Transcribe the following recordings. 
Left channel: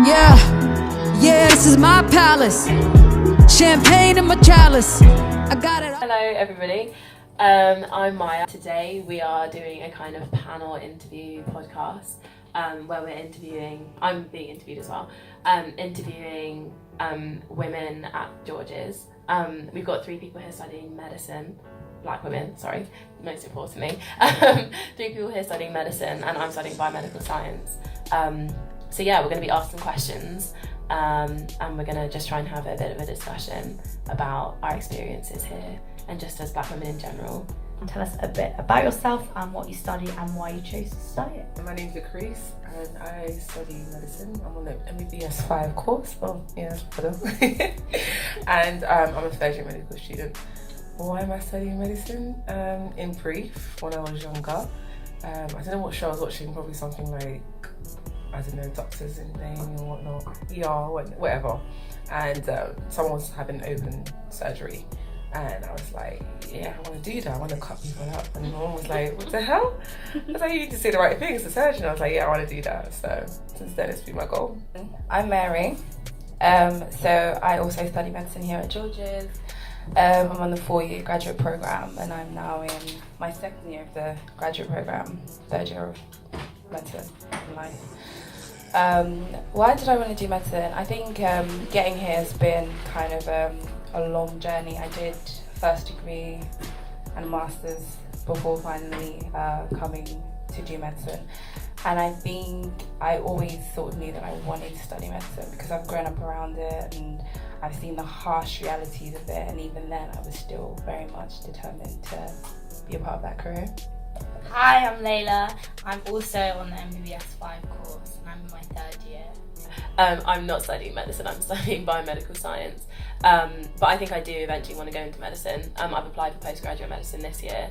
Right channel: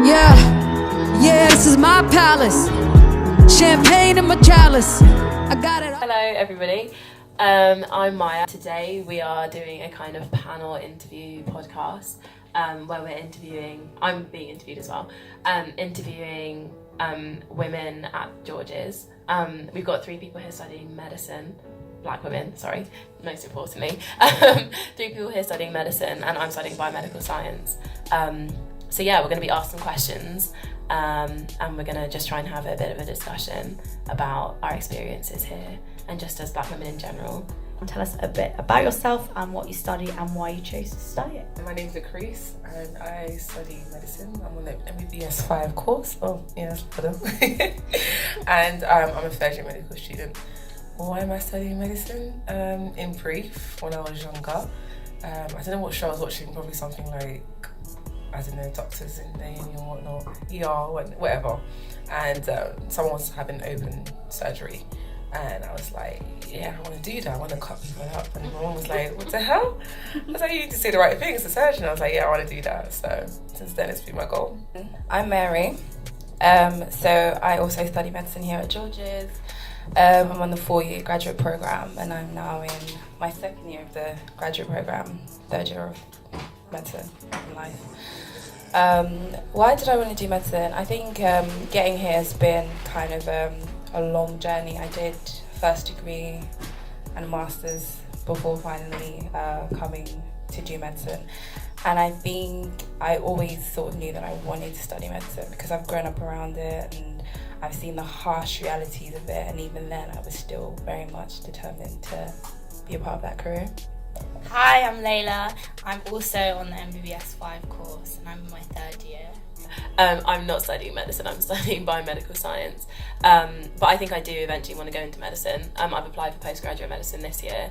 Yeah, yeah, this is my palace. Champagne in my chalice. I got it. Hello everybody, I'm Maya. Today we are doing a kind of panel interview podcast where we're interviewing, I'm being interviewed as well, interviewing women at George's. We've got 3 people here studying medicine, black women, sorry, most importantly. 3 people here studying medicine and I'm studying biomedical science. So yeah, we're going to be asked some questions and we're going to just try and have a bit of a discussion about our experiences here and just as black women in general. Tell us a bit about yourself and what you study and why you chose to study it. My name's Lucreece and I study medicine. I'm on the MBBS 5 course. Oh, yeah, and I'm a third-year medical student. Why am I studying medicine? In brief, when I was younger, I don't know what show I was watching, probably something like, I don't know, Doctors in Name or whatnot, ER, whatever. And someone was having open surgery. And I was like, yeah, I want to do that. I want to cut people up. And my mom was like, what the hell? I was like, you need to say the right thing as a surgeon. I was like, yeah, I want to do that. So since then, it's been my goal. I'm Mary. So I also study medicine here at George's. I'm on the 4-year graduate program and I'm now in my 2nd year of the graduate program, 3rd year of medicine in life. Why did I want to do medicine? I think getting here has been kind of a long journey. I did first degree and a master's before finally coming to do medicine. And I think I always sort of knew that I wanted to study medicine because I've grown up around it and I've seen the harsh realities of it, and even then I was still very much determined to be a part of that career. Hi, I'm Layla. I'm also on the MBBS 5 course and I'm in my 3rd year. I'm not studying medicine, I'm studying biomedical science. But I think I do eventually want to go into medicine. I've applied for postgraduate medicine this year.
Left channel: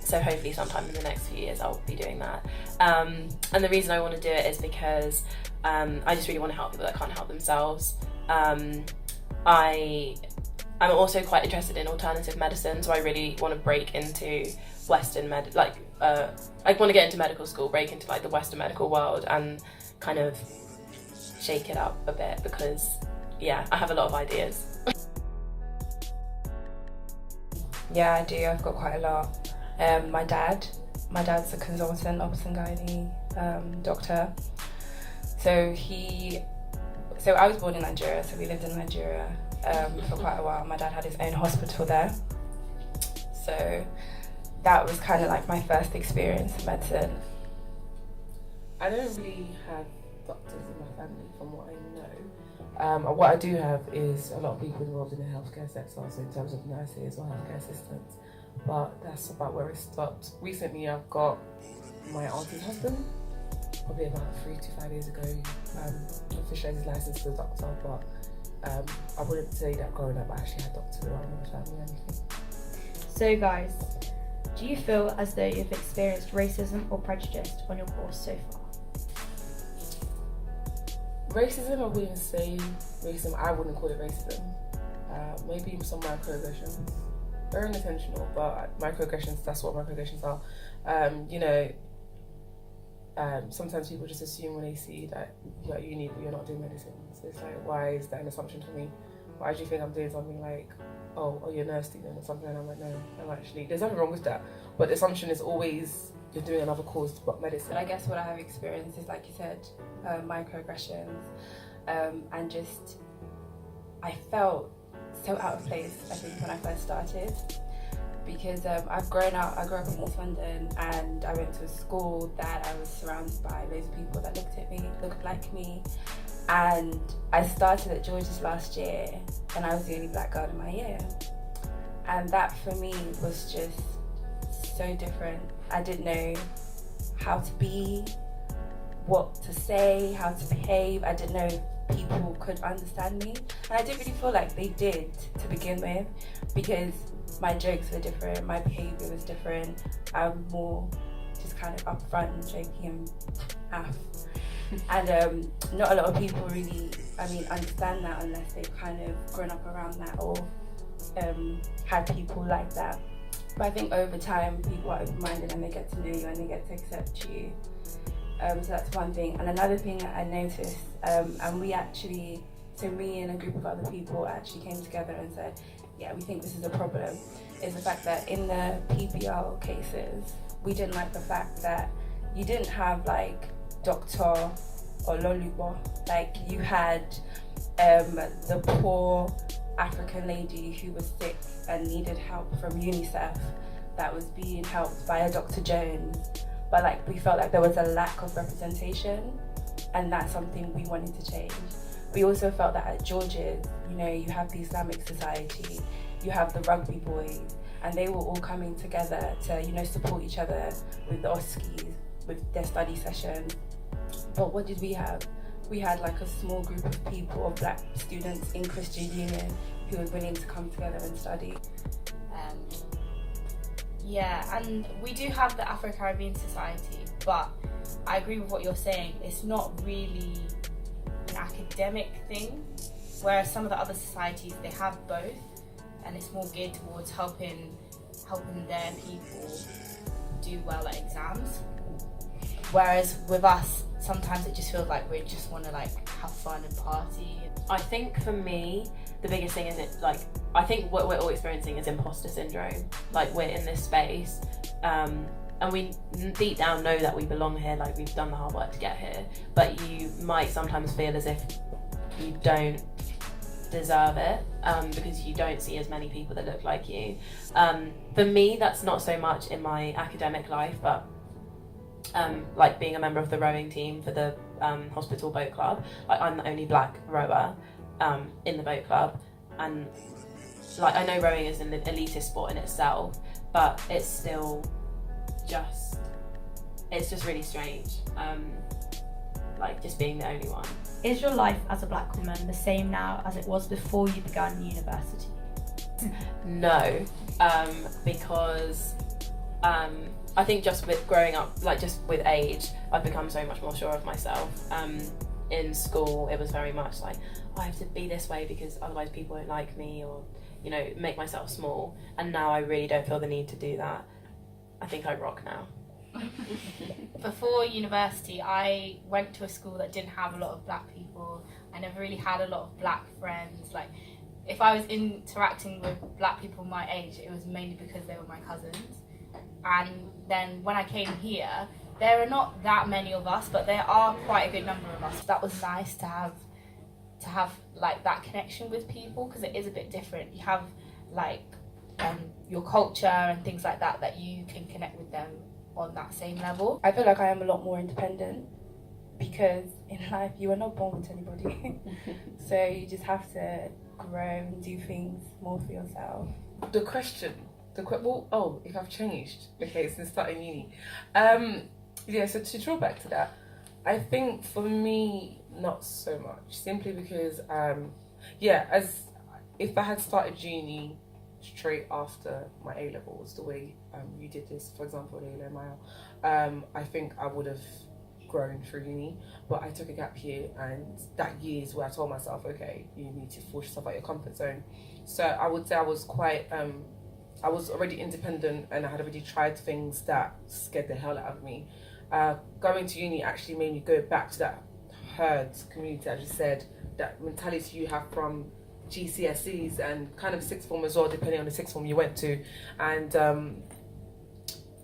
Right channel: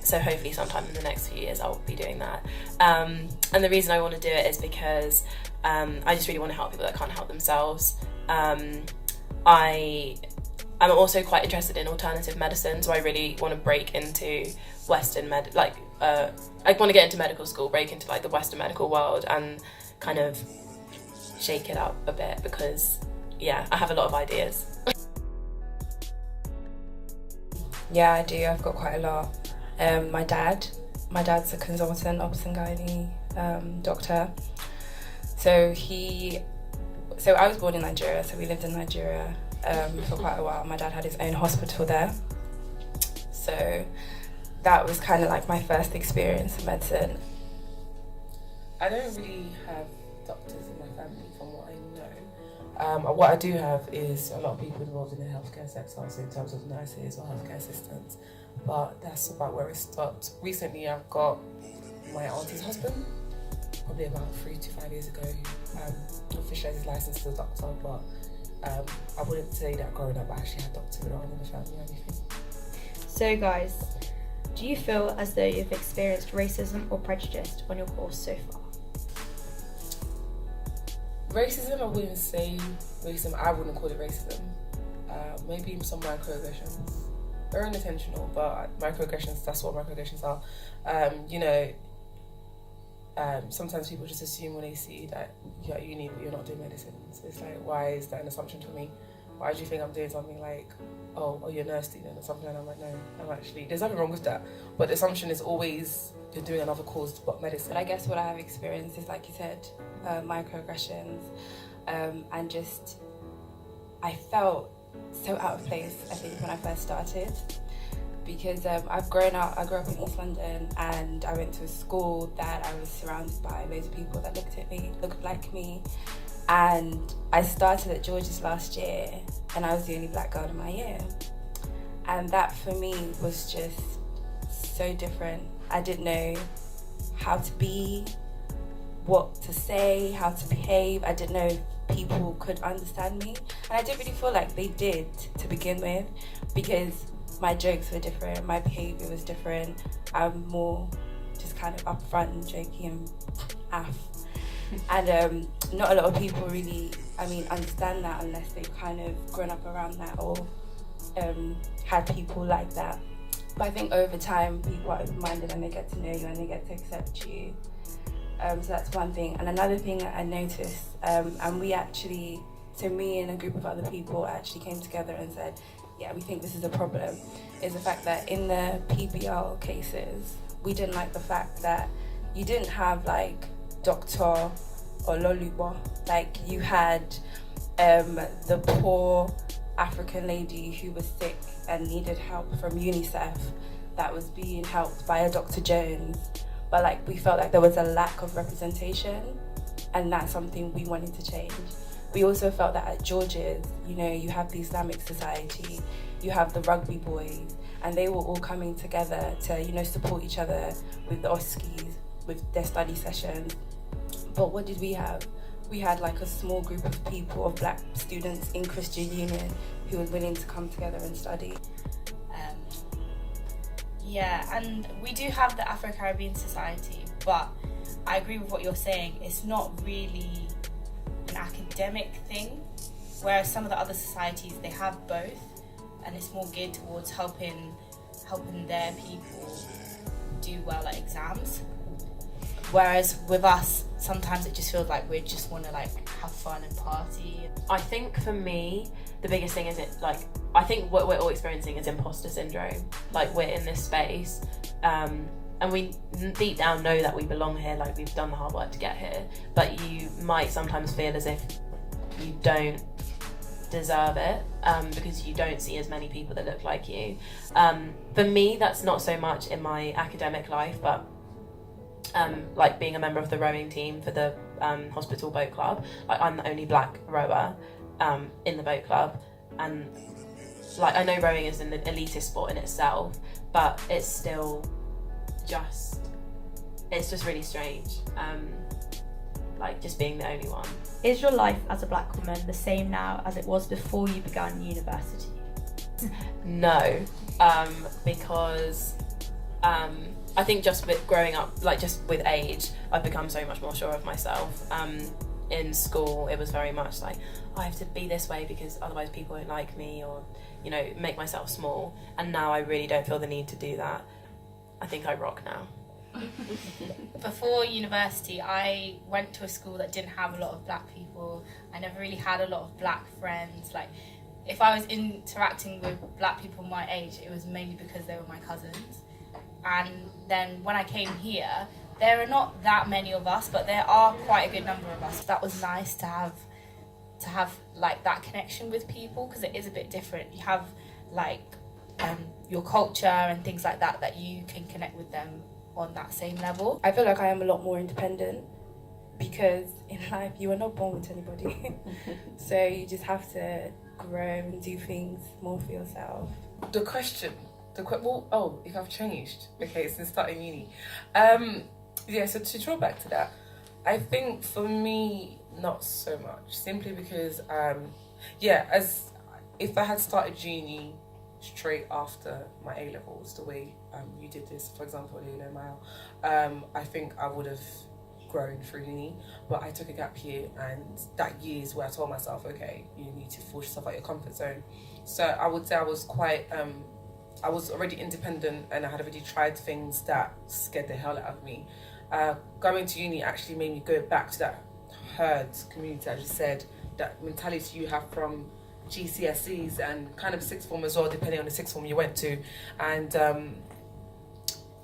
So hopefully sometime in the next few years I'll be doing that. And the reason I want to do it is because I just really want to help people that can't help themselves. I'm also quite interested in alternative medicine, so I really want to break into Western I want to get into medical school, break into like the Western medical world and kind of shake it up a bit because, yeah, I have a lot of ideas. Yeah, I do. I've got quite a lot. My dad's a consultant, ops and gynae doctor. So I was born in Nigeria, so we lived in Nigeria for quite a while. My dad had his own hospital there. So that was kind of like my first experience in medicine. I don't really have doctors in my family from what I know. What I do have is a lot of people involved in the healthcare sector, so in terms of nurses or healthcare assistants, but that's about where it stopped. Recently I've got my auntie's husband, probably about 3 to 5 years ago, officially his license as a doctor, but I wouldn't say that growing up I actually had doctors around in the family or anything. So guys, do you feel as though you've experienced racism or prejudice on your course so far? Racism, I wouldn't say racism. I wouldn't call it racism. Maybe some microaggressions. They're unintentional, but microaggressions, that's what microaggressions are. Sometimes people just assume when they see that you're at uni but you're not doing medicine. So it's like, why is that an assumption for me? Why do you think I'm doing something like, oh, you're a nurse student or something? And I'm like, no, I'm actually, there's nothing wrong with that. But the assumption is always you're doing another course but medicine. But I guess what I have experienced is, like you said, microaggressions, and just I felt so out of place, I think, when I first started, because I grew up in East London and I went to a school that I was surrounded by loads of people that looked like me, and I started at George's last year and I was the only black girl in my year, and that for me was just so different. I didn't know how to be, what to say, how to behave. I didn't know if people could understand me, and I didn't really feel like they did to begin with, because my jokes were different, my behaviour was different. I'm more just kind of upfront and jokey and aff. And not a lot of people really, understand that unless they've kind of grown up around that or had people like that. But I think over time, people are open-minded and they get to know you and they get to accept you. So that's one thing. And another thing that I noticed, and we actually, so me and a group of other people actually came together and said, yeah, we think this is a problem, is the fact that in the PBL cases, we didn't like the fact that you didn't have like Dr. or Lolubo, like you had the poor African lady who was sick and needed help from UNICEF that was being helped by a Dr. Jones, but like we felt like there was a lack of representation, and that's something we wanted to change. We also felt that at George's, you know, you have the Islamic Society, you have the rugby boys, and they were all coming together to, you know, support each other with the OSCEs, with their study sessions. But what did we have? We had like a small group of people, of black students in Christian Union who were willing to come together and study. Yeah, and we do have the Afro-Caribbean Society, but I agree with what you're saying. It's not really an academic thing, whereas some of the other societies, they have both, and it's more geared towards helping their people do well at exams. Whereas with us, sometimes it just feels like we just want to like have fun and party. I think for me, the biggest thing is I think what we're all experiencing is imposter syndrome. Like, we're in this space, and we deep down know that we belong here, like we've done the hard work to get here, but you might sometimes feel as if you don't deserve it, because you don't see as many people that look like you. For me, that's not so much in my academic life, but like being a member of the rowing team for the hospital boat club, like I'm the only black rower in the boat club, and like I know rowing is an elitist sport in itself, but it's still just really strange, like just being the only one. Is your life as a black woman the same now as it was before you began university? No, because I think just with growing up, like just with age, I've become so much more sure of myself. In school, it was very much like, I have to be this way because otherwise people won't like me, or, you know, make myself small. And now I really don't feel the need to do that. I think I rock now. Before university, I went to a school that didn't have a lot of black people. I never really had a lot of black friends. Like, if I was interacting with black people my age, it was mainly because they were my cousins. And then when I came here, there are not that many of us, but there are quite a good number of us. That was nice to have like that connection with people, because it is a bit different. You have like your culture and things like that you can connect with them on that same level. I feel like I am a lot more independent, because in life you are not born with anybody. So you just have to grow and do things more for yourself. The question, if I've changed, okay, since starting uni. Yeah, so to draw back to that, I think for me, not so much, simply because, as if I had started uni straight after my A-levels, the way you did this, for example, Leila Mile, I think I would have grown through uni, but I took a gap year, and that year is where I told myself, okay, you need to force yourself out your comfort zone. So I would say I was quite, I was already independent, and I had already tried things that scared the hell out of me. Going to uni actually made me go back to that herd community, as you said, that mentality you have from GCSEs and kind of sixth form as well, depending on the sixth form you went to. And,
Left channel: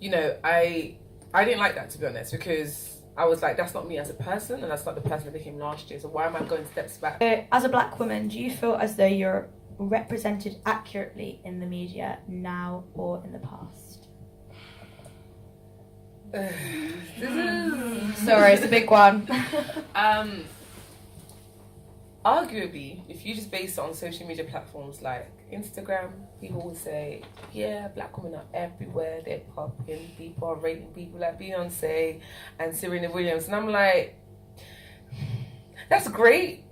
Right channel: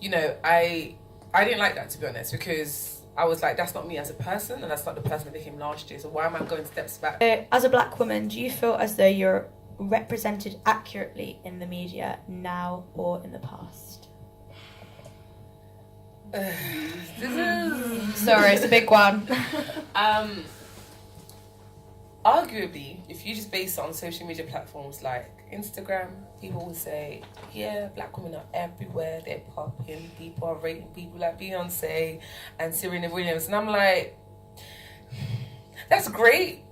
you know, I didn't like that, to be honest, because I was like, that's not me as a person, and that's not the person that became last year, so why am I going steps back? As a black woman, do you feel as though you're represented accurately in the media now or in the past? Sorry, it's a big one. Arguably, if you just base it on social media platforms like Instagram, people will say, yeah, black women are everywhere, they're popping, people are rating people like Beyonce and Serena Williams, and I'm like, that's great,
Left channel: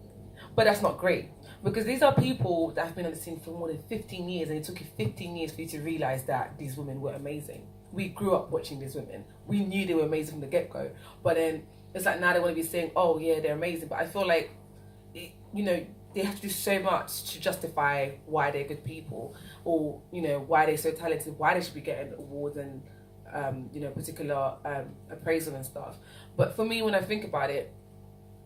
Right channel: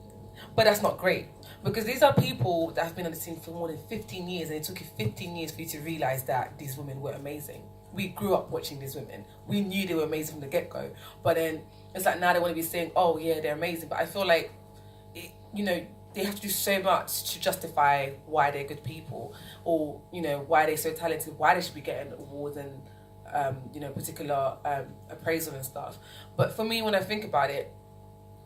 but that's not great, because these are people that have been on the scene for more than 15 years, and it took you 15 years for you to realise that these women were amazing. We grew up watching these women. We knew they were amazing from the get-go, but then it's like now they want to be saying, oh yeah, they're amazing, but I feel like, you know, they have to do so much to justify why they're good people, or, you know, why they're so talented, why they should be getting awards and, you know, particular appraisal and stuff. But for me, when I think about it,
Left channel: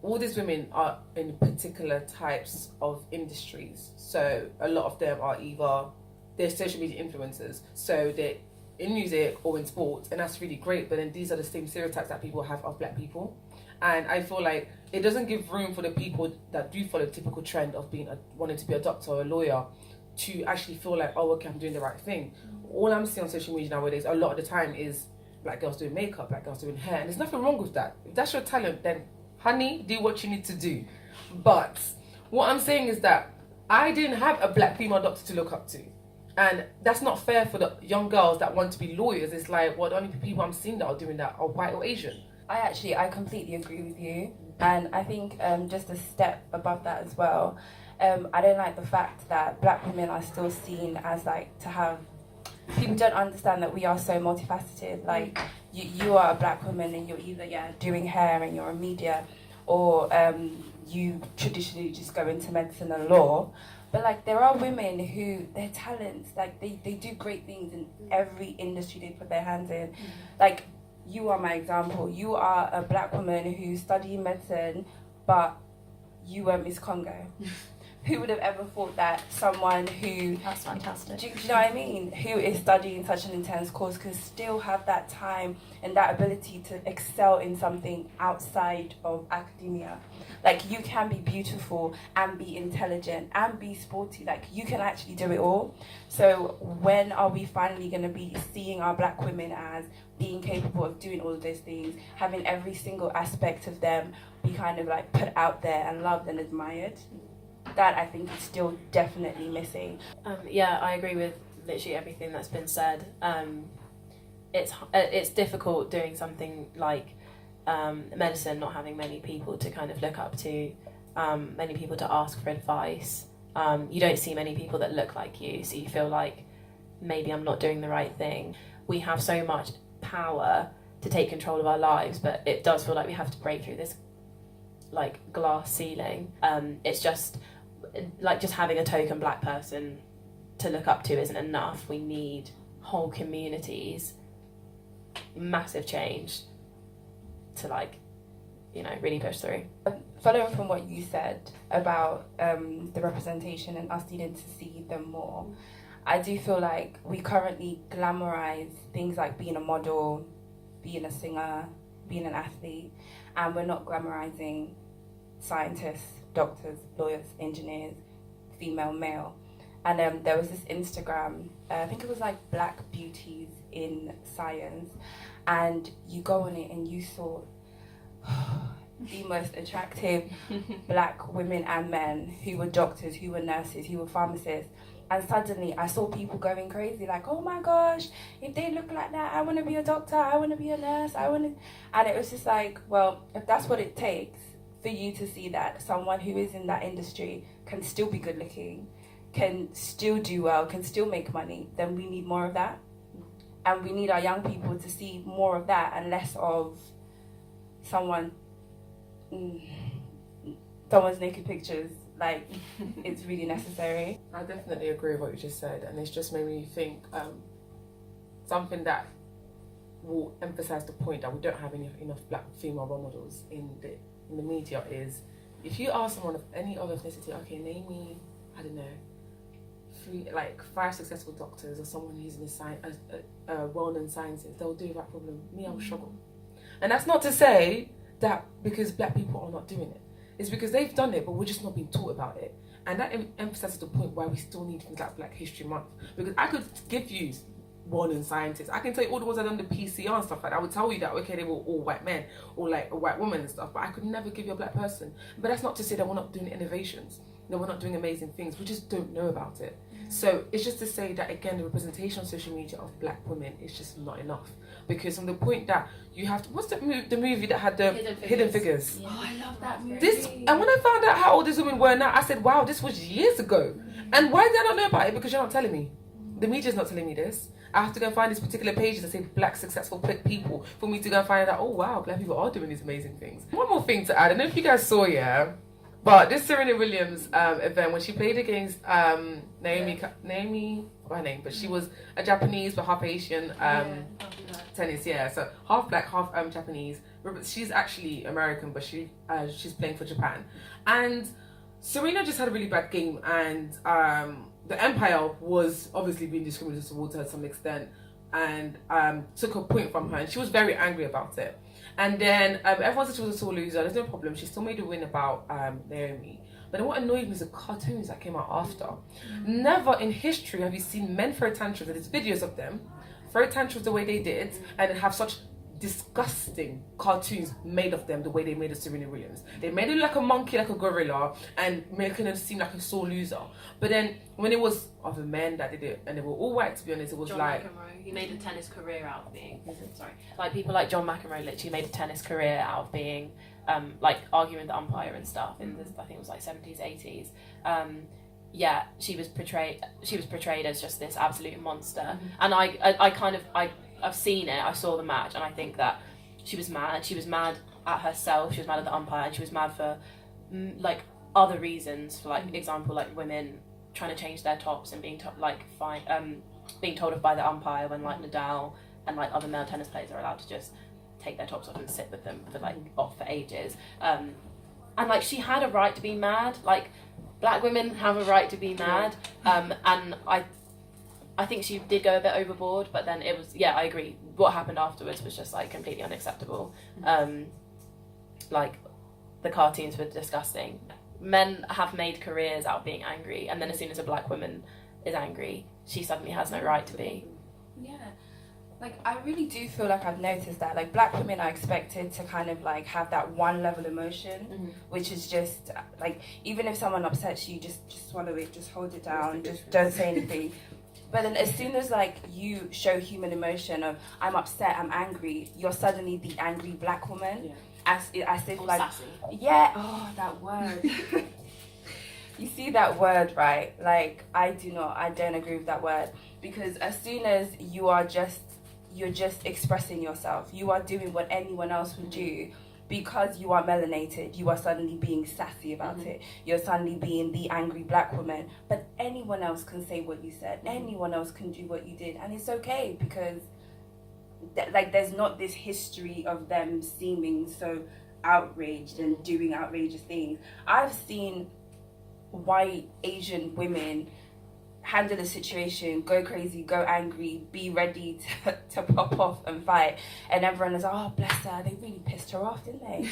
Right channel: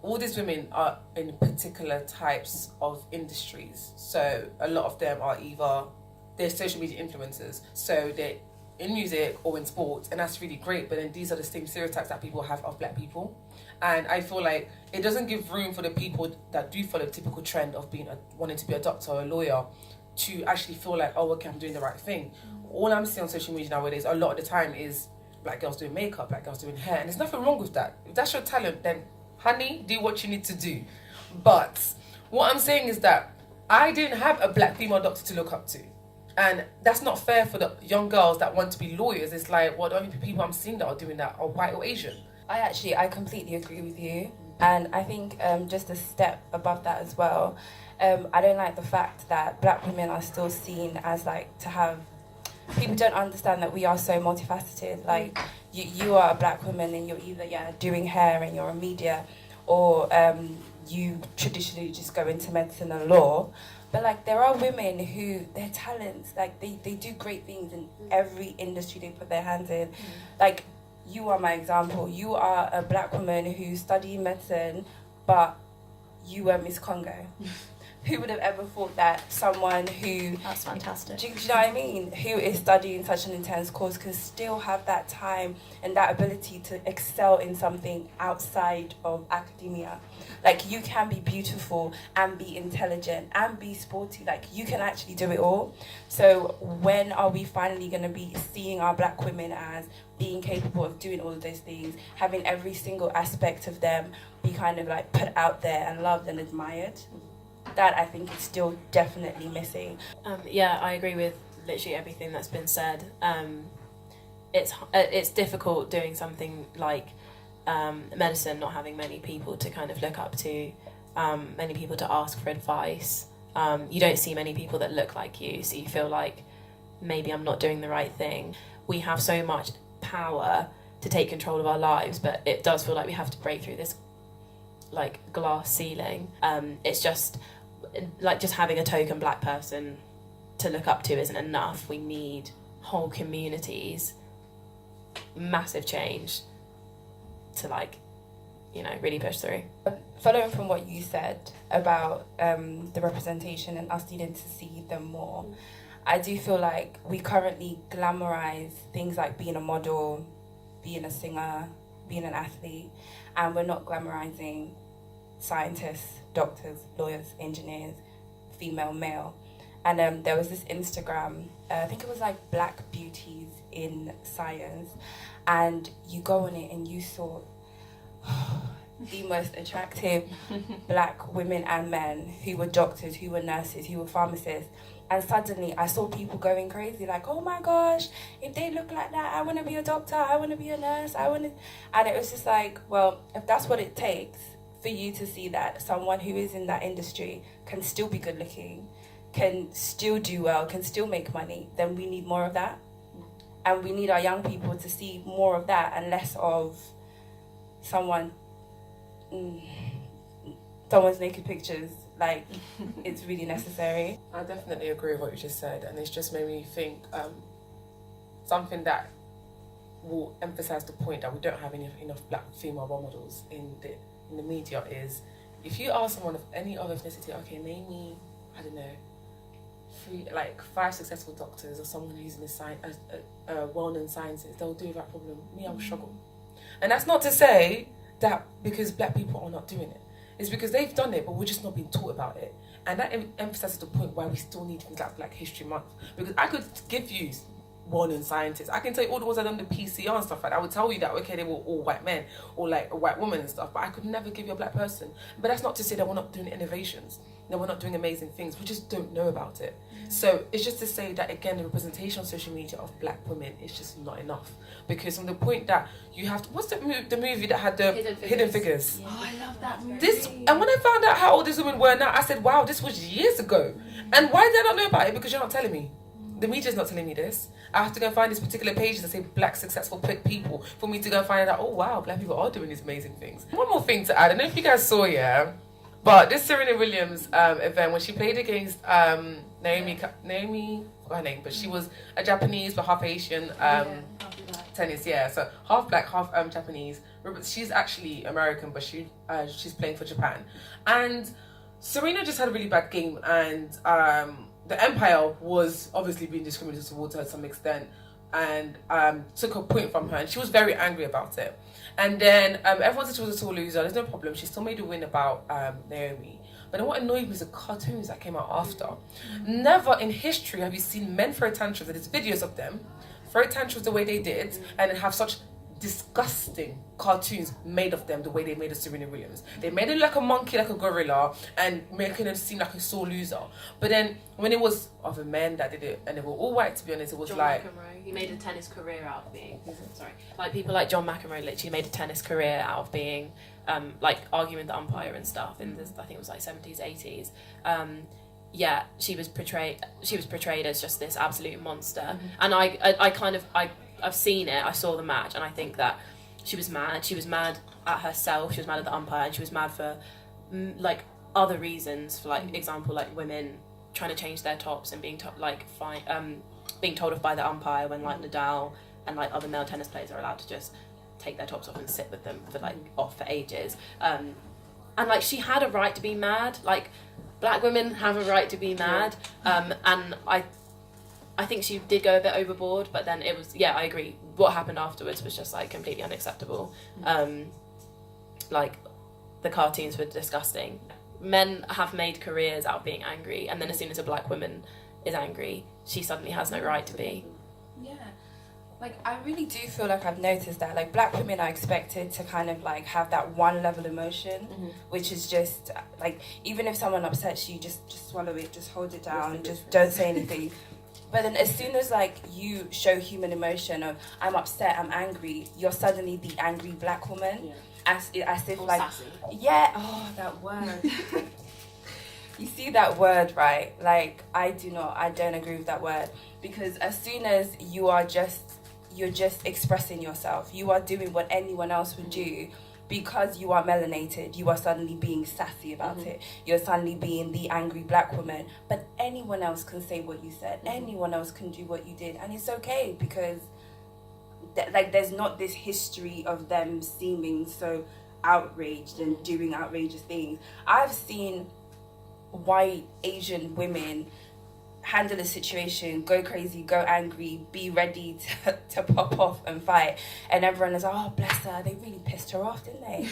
all these women are in particular types of industries. So a lot of them are either, they're social media influencers, so they're in music or in sports, and that's really great. But then these are the same stereotypes that people have of black people. And I feel like it doesn't give room for the people that do follow the typical trend of wanting to be a doctor or a lawyer to actually feel like, oh, okay, I'm doing the right thing. All I'm seeing on social media nowadays, a lot of the time, is black girls doing makeup, black girls doing hair, and there's nothing wrong with that. If that's your talent, then honey, do what you need to do. But what I'm saying is that I didn't have a black female doctor to look up to. And that's not fair for the young girls that want to be lawyers. It's like, well, the only people I'm seeing that are doing that are white or Asian. I completely agree with you. And I think just a step above that as well, I don't like the fact that black women are still seen as like to have, people don't understand that we are so multifaceted. Like you are a black woman and you're either doing hair and you're in media, or you traditionally just go into medicine or law. But like there are women who their talents, like they do great things in every industry they put their hands in. Like you are my example. You are a black woman who studied medicine, but you were Miss Congo. Who would have ever thought that someone who... That's fantastic. Do you know what I mean? Who is studying such an intense course can still have that time and that ability to excel in something outside of academia. Like, you can be beautiful and be intelligent and be sporty. Like, you can actually do it all. So when are we finally going to be seeing our black women as being capable of doing all of those things, having every single aspect of them be kind of like put out there and loved and admired? That I think is still definitely missing. Yeah, I agree with literally everything that's been said. It's difficult doing something like medicine, not having many people to kind of look up to, many people to ask for advice. You don't see many people that look like you, so you feel like maybe I'm not doing the right thing. We have so much power to take control of our lives, but it does feel like we have to break through this like glass ceiling. It's just like just having a token black person to look up to isn't enough. We need whole communities, massive change to like, you know, really push through. Following from what you said about the representation and us needing to see them more, I do feel like we currently glamorize things like being a model, being a singer, being an athlete, and we're not glamorizing scientists, doctors, lawyers, engineers, female, male. And there was this Instagram, I think it was like Black Beauties in Science, and you go on it and you saw the most attractive black women and men who were doctors, who were nurses, who were pharmacists. And suddenly I saw people going crazy, like, oh my gosh, if they look like that, I want to be a doctor, I want to be a nurse, and it was just like, well, if that's what it takes for you to see that someone who is in that industry can still be good looking, can still do well, can still make money, then we need more of that. And we need our young people to see more of that and less of someone's naked pictures. Like, it's really necessary. I definitely agree with what you just said, and it's just made me think something that will emphasize the point that we don't have enough black female role models in the media is, if you ask someone of any other ethnicity, okay, name me, I don't know, 5 successful doctors or someone who's in the well-known sciences, they'll do that problem. Me, I will struggle. And that's not to say that because black people are not doing it. It's because they've done it, but we're just not being taught about it. And that emphasizes the point why we still need things like Black History Month. Because I could give you well-known scientists. I can tell you all the ones that done the PCR and stuff like that. I would tell you that, okay, they were all white men or like a white woman and stuff, but I could never give you a black person. But that's not to say that we're not doing innovations, that we're not doing amazing things. We just don't know about it. So it's just to say that, again, the representation on social media of black women is just not enough. Because from the point that you have to, what's the movie that had the Hidden Figures? Yeah. Oh, I love that movie. And when I found out how old these women were now, I said, wow, this was years ago. And why did I not know about it? Because you're not telling me. The media's not telling me this. I have to go and find these particular pages that say black successful people for me to go and find out, oh wow, black people are doing these amazing things. One more thing to add, I don't know if you guys saw, but this Serena Williams event, when she played against Naomi, forgot her name, but she was a Japanese but half Asian tennis, so half black, half Japanese, she's actually American, but she's playing for Japan. And Serena just had a really bad game, and the Empire was obviously being discriminated towards her to some extent, and took a point from her, and she was very angry about it. And then everyone said she was a sore loser. There's no problem. She still made a win about Naomi. But then what annoyed me was the cartoons that came out after. Never in history have you seen men throw tantrums, and there's videos of them throw tantrums the way they did, and then have such disgusting cartoons made of them the way they made of Serena Williams. They made it like a monkey, like a gorilla, and making them seem like a sore loser. But then when it was other men that did it, and they were all white, to be honest, it was John like... McEnroe, he made a tennis career out of being... Sorry. Like, people like John McEnroe literally made a tennis career out of being, like, arguing with the umpire and stuff in this, I think it was like 70s, 80s. Yeah, she was portrayed as just this absolute monster. And I've seen it, I saw the match, and I think that she was mad. She was mad at herself, she was mad at the umpire, and she was mad for, like, other reasons, for, like, example, like, women trying to change their tops and being being told off by the umpire when, like, Nadal and, like, other male tennis players are allowed to just take their tops off and sit with them for, like, off for ages. And, like, she had a right to be mad. Like, black women have a right to be mad. And I think she did go a bit overboard, but then it was, I agree. What happened afterwards was just, like, completely unacceptable. Like, the cartoons were disgusting. Men have made careers out of being angry, and then as soon as a black woman is angry, she suddenly has no right to be. Yeah. Like, I really do feel like I've noticed that, like, black women are expected to kind of, like, have that one level emotion, which is just, like, even if someone upsets you, just swallow it, just hold it down, just don't say anything. But then as soon as, like, you show human emotion of, I'm upset, I'm angry, you're suddenly the angry black woman. As if, like... Sassy. Yeah, oh, that word. You see that word, right? Like, I don't agree with that word. Because as soon as you're just expressing yourself, you are doing what anyone else would do, because you are melanated, you are suddenly being sassy about it. You're suddenly being the angry black woman. But anyone else can say what you said. Anyone else can do what you did. And it's okay, because like, there's not this history of them seeming so outraged and doing outrageous things. I've seen white Asian women handle a situation, go crazy, go angry, be ready to pop off and fight, and everyone is like, oh, bless her, they really pissed her off, didn't they?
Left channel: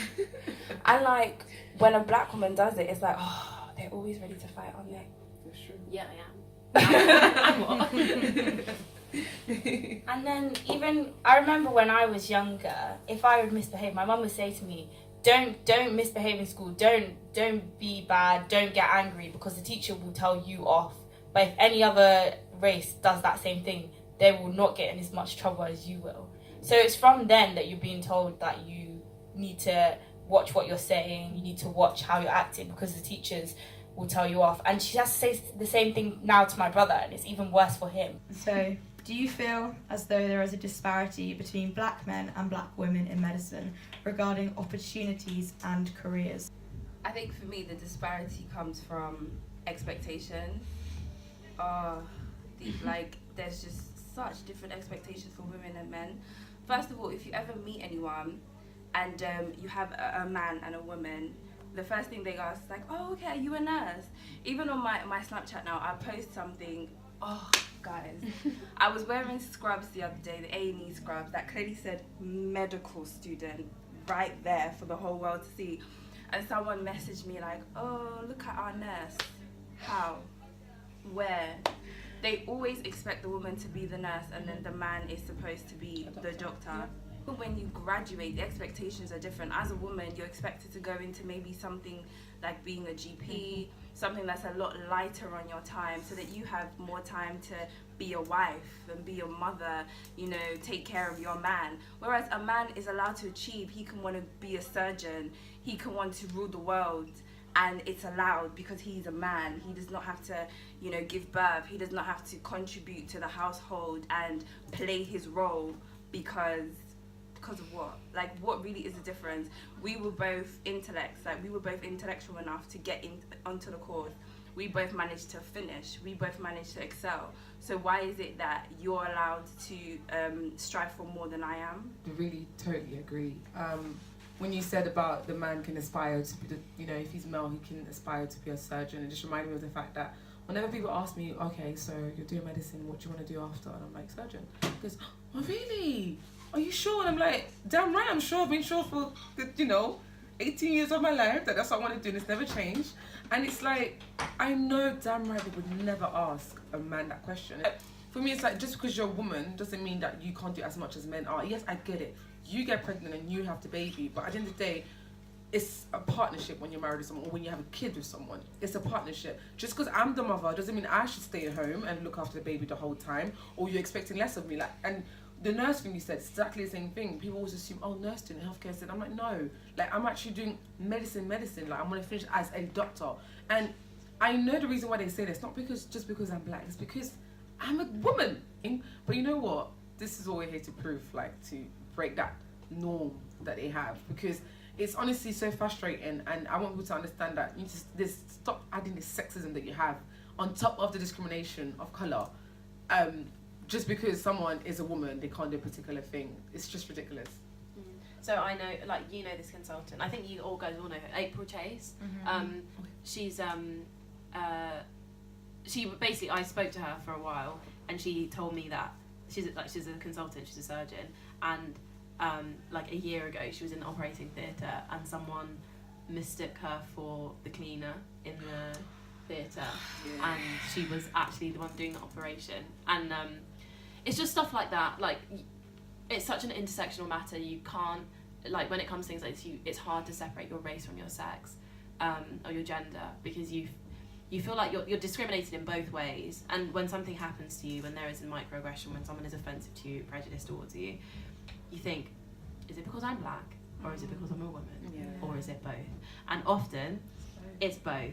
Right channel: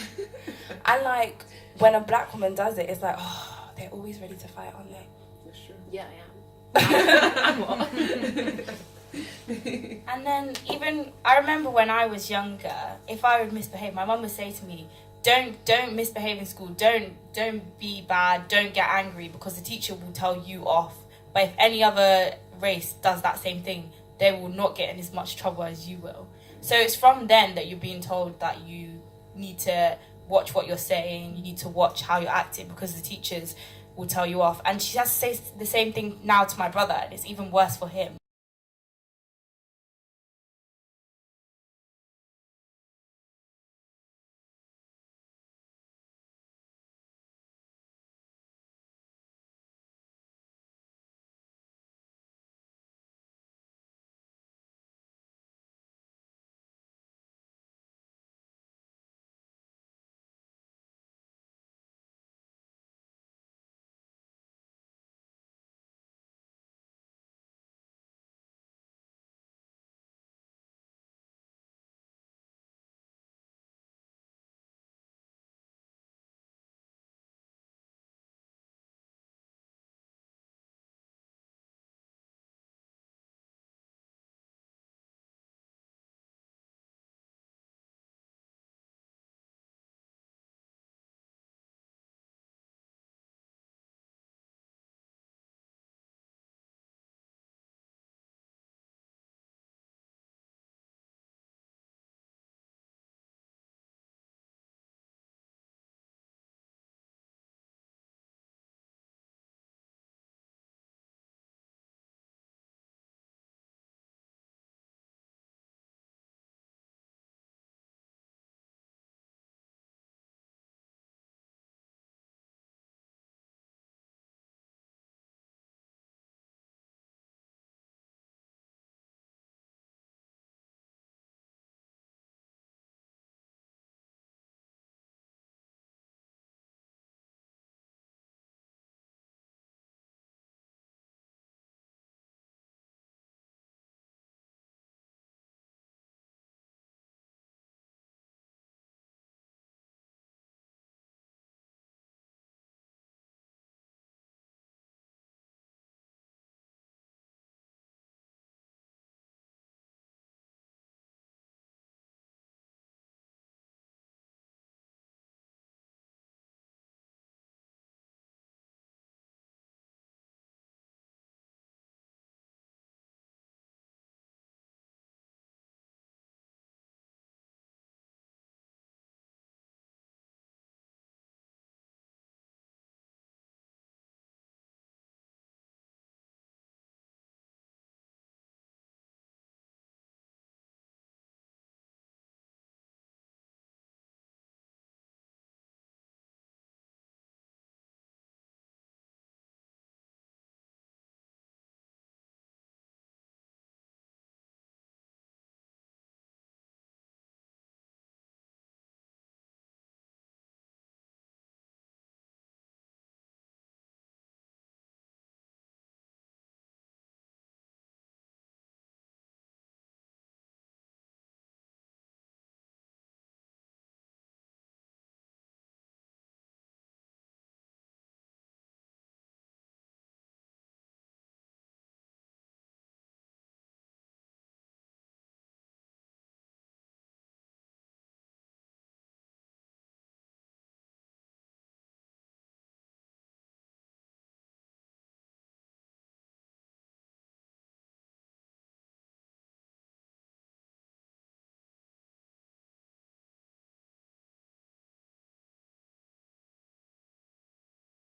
And, like, when a black woman does it, it's like, oh, they're always ready to fight, aren't they? That's true. Yeah, I am. And what? And then even, I remember when I was younger, if I would misbehave, my mum would say to me, don't misbehave in school, don't be bad, don't get angry, because the teacher will tell you off. But if any other race does that same thing, they will not get in as much trouble as you will. So it's from then that you're being told that you need to watch what you're saying, you need to watch how you're acting, because the teachers will tell you off. And she has to say the same thing now to my brother, and it's even worse for him. So, do you feel as though there is a disparity between black men and black women in medicine regarding opportunities and careers? I think for me the disparity comes from expectation. Like, there's just such different expectations for women and men. First of all, if you ever meet anyone and you have a man and a woman, the first thing they ask is like, oh, okay, are you a nurse? Even on my Snapchat now, I post something, oh, guys. I was wearing scrubs the other day, the A&E scrubs, that clearly said medical student right there for the whole world to see. And someone messaged me like, oh, look at our nurse. How? Where? They always expect the woman to be the nurse, and then the man is supposed to be the doctor. When you graduate, the expectations are different. As a woman, you're expected to go into maybe something like being a GP, something that's a lot lighter on your time, so that you have more time to be a wife and be a mother, you know, take care of your man. Whereas a man is allowed to achieve. He can want to be a surgeon, he can want to rule the world, and it's allowed because he's a man. He does not have to, you know, give birth. He does not have to contribute to the household and play his role because of what? Like, what really is the difference? We were both intellects, like we were both intellectual enough to get onto the course. we both managed to finish, we both managed to excel. So why is it that you're allowed to strive for more than I am? I really totally agree. When you said about the man can aspire to be, if he's male, he can aspire to be a surgeon, it just reminded me of the fact that whenever people ask me, okay, so you're doing medicine, what do you want to do after? And I'm like, surgeon. Because, oh really? Are you sure? And I'm like, damn right, I'm sure. I've been sure for, 18 years of my life that's what I want to do, and it's never changed. And it's like, I know damn right they would never ask a man that question. For me, it's like, just because you're a woman doesn't mean that you can't do as much as men are. Yes, I get it. You get pregnant and you have the baby, but at the end of the day, it's a partnership when you're married to someone or when you have a kid with someone. It's a partnership. Just because I'm the mother doesn't mean I should stay at home and look after the baby the whole time, or you're expecting less of me. And the nurse thing you said, it's exactly the same thing. People always assume, oh, nurse doing healthcare. I'm like, no. I'm actually doing medicine. I'm going to finish as a doctor. And I know the reason why they say this, not just because I'm black. It's because I'm a woman. But you know what? This is all we're here to prove, to break that norm that they have. Because it's honestly so frustrating, and I want people to understand that you just stop adding the sexism that you have on top of the discrimination of colour. Just because someone is a woman, they can't do a particular thing. It's just ridiculous. So I know, this consultant. I think you guys all know her, April Chase. She's she basically, I spoke to her for a while, and she told me that she's a consultant, she's a surgeon, and a year ago she was in the operating theatre and someone mistook her for the cleaner in the theatre, and she was actually the one doing the operation. And it's just stuff like that. It's such an intersectional matter. You can't, when it comes to things like this, it's hard to separate your race from your sex, or your gender, because you feel like you're discriminated in both ways. And when something happens to you, when there is a microaggression, when someone is offensive to you, prejudiced towards you, you think, is it because I'm black, or is it because I'm a woman, or is it both? And often it's both.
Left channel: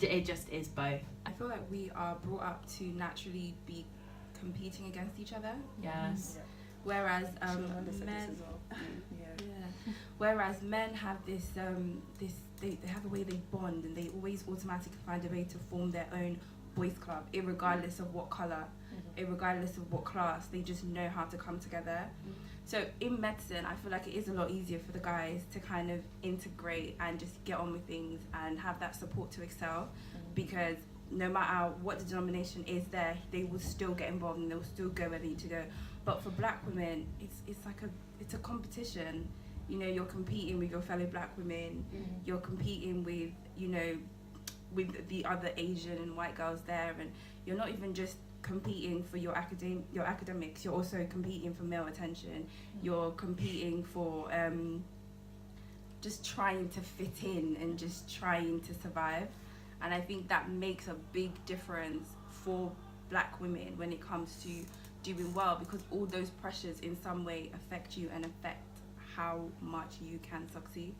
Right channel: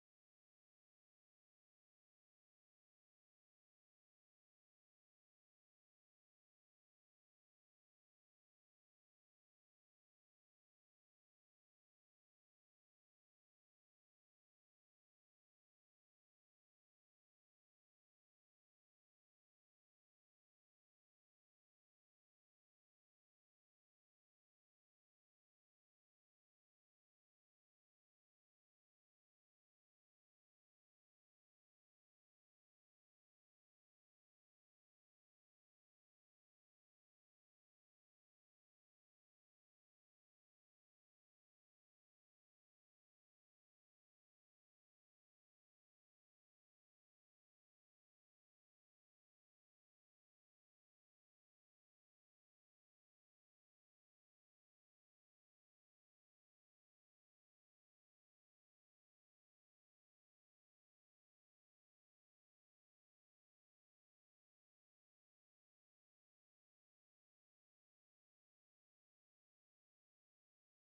It just is both. I feel like we are brought up to naturally be competing against each other. Yes. Whereas men, whereas men have this they have a way they bond, and they always automatically find a way to form their own boys club, irregardless of what colour, irregardless of what class. They just know how to come together. So in medicine, I feel like it is a lot easier for the guys to kind of integrate and just get on with things and have that support to excel, because no matter what the denomination is there, they will still get involved and they will still go where they need to go. But for black women, it's a competition. You're competing with your fellow black women. You're competing with with the other Asian and white girls there, and you're not even just competing for your academics. You're also competing for male attention. You're competing for just trying to fit in and just trying to survive. And I think that makes a big difference for black women when it comes to doing well, because all those pressures in some way affect you and affect how much you can succeed.